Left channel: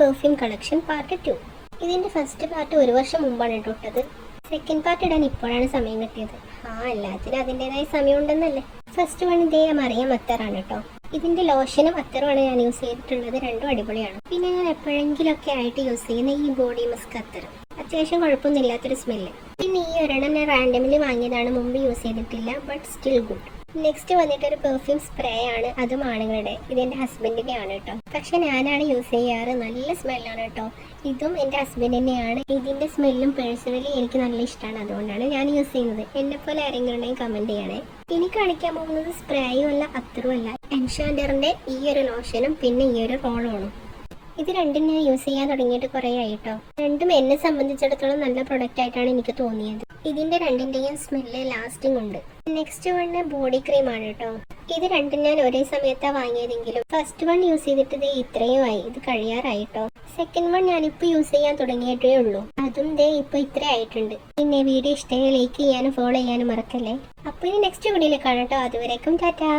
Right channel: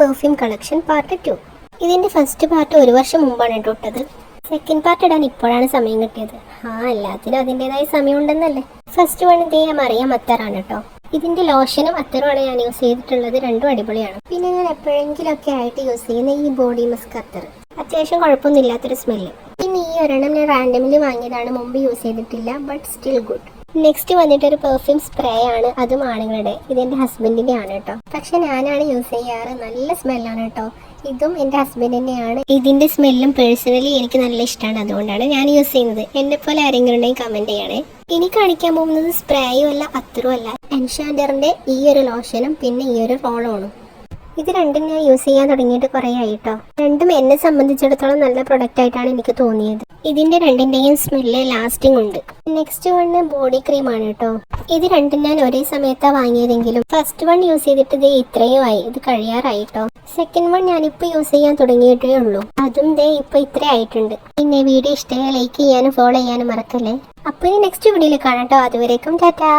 Perfume collection part 2. ഇതിൻ്റെ first part 1 വർഷം മുമ്പാണ് ഇട്ടത്. സെക്കൻഡ് പാർട്ട് ഇടാൻ ഇപ്പോഴാണ് സമയം കിട്ടിയത്. എല്ലാത്തിനും അതിൻ്റെതായ സമയമുണ്ടെന്നല്ലേ. ഫസ്റ്റ് വൺ ഇതേ മറിയം അത്തറാണ് കേട്ടോ. ഇതിൻ്റെ ലോഷനും അത്തറുമാണ് ഞാൻ യൂസ് ചെയ്തിട്ടുള്ളത്. രണ്ടും അടിപൊളിയാണ്. പിന്നെ ഞാൻ എപ്പോഴെങ്കിലൊക്കെ ആയിട്ട് യൂസ് ചെയ്യുന്ന ഈ ബോഡി മസ്ക് അത്തർ, അത്യാവശ്യം കുഴപ്പമൊന്നുമില്ലാത്തൊരു സ്മെല്ല്. പിന്നെ ഈ ഒരെണ്ണം ഞാൻ റാൻഡമിലി വാങ്ങിയതാണ്, മുമ്പ് യൂസ് ചെയ്തിട്ടില്ല, ബട്ട് സ്റ്റിൽ ഗുഡ്. നെക്സ്റ്റ് വന്നിട്ടൊരു പെർഫ്യൂം സ്പ്രേ ആണ്, അതും ആണുങ്ങളുടെ. ഇതെൻ്റെ ഹസ്ബൻഡിൻ്റെ ആണ് കേട്ടോ. പക്ഷെ ഞാനാണ് യൂസ് ചെയ്യാറ്. നല്ല സ്മെല്ലാണ് കേട്ടോ. ഇതും എൻ്റെ ഹസ്ബൻഡിൻ്റെയാണ്. ഇതിൻ്റെ സ്മെല്ലും പേഴ്സണലി എനിക്ക് നല്ല ഇഷ്ടമാണ്, അതുകൊണ്ടാണ് ഞാൻ യൂസ് ചെയ്യുന്നത്. എന്നെ പോലെ ആരെങ്കിലും ഉണ്ടെങ്കിൽ കമൻറ്റ് ചെയ്യണേ. ഇനി കാണിക്കാൻ പോകുന്നത് സ്പ്രേയും അല്ല അത്തറും അല്ല, എൻഷാൻഡറിൻ്റെ ഈ ഒരു ലോഷനും പിന്നെ ഈ ഒരു റോളോണും. ഇത് രണ്ടും ഞാൻ യൂസ് ചെയ്യാൻ തുടങ്ങിയിട്ട് കുറേ ആയി കേട്ടോ. രണ്ടും എന്നെ സംബന്ധിച്ചിടത്തോളം നല്ല പ്രൊഡക്റ്റ് ആയിട്ടാണ് എനിക്ക് തോന്നിയത്. ഇതിൻ്റെ രണ്ടിൻ്റെയും സ്മെല്ല് ലാസ്റ്റിംഗ് ഉണ്ട്. നെക്സ്റ്റ് വണ് ബോഡി ക്രീമാണ് കേട്ടോ. ഇത് രണ്ടും ഞാൻ ഒരേ സമയത്താണ് വാങ്ങിയതെങ്കിലും ഫസ്റ്റ് വൺ യൂസ് ചെയ്തിട്ട് ഇത് ഇത്രയും ആയി, ഇത് കഴിയാറായി കേട്ടോ. സെക്കൻഡ് വൺ ഞാനിപ്പോൾ യൂസ് ചെയ്യാൻ തുടങ്ങിയിട്ടേ ഉള്ളൂ, അതും ദേ ഇപ്പോൾ ഇത്ര ആയിട്ടുണ്ട്. പിന്നെ വീഡിയോ ഇഷ്ടമായി ലൈക്ക് ചെയ്യാനും ഫോളോ ചെയ്യാനും മറക്കല്ലേ. അപ്പോൾ ഇനി നെക്സ്റ്റ് വീഡിയോയിൽ കാണാം കേട്ടോ. അതുവരേക്കും ടാറ്റാ.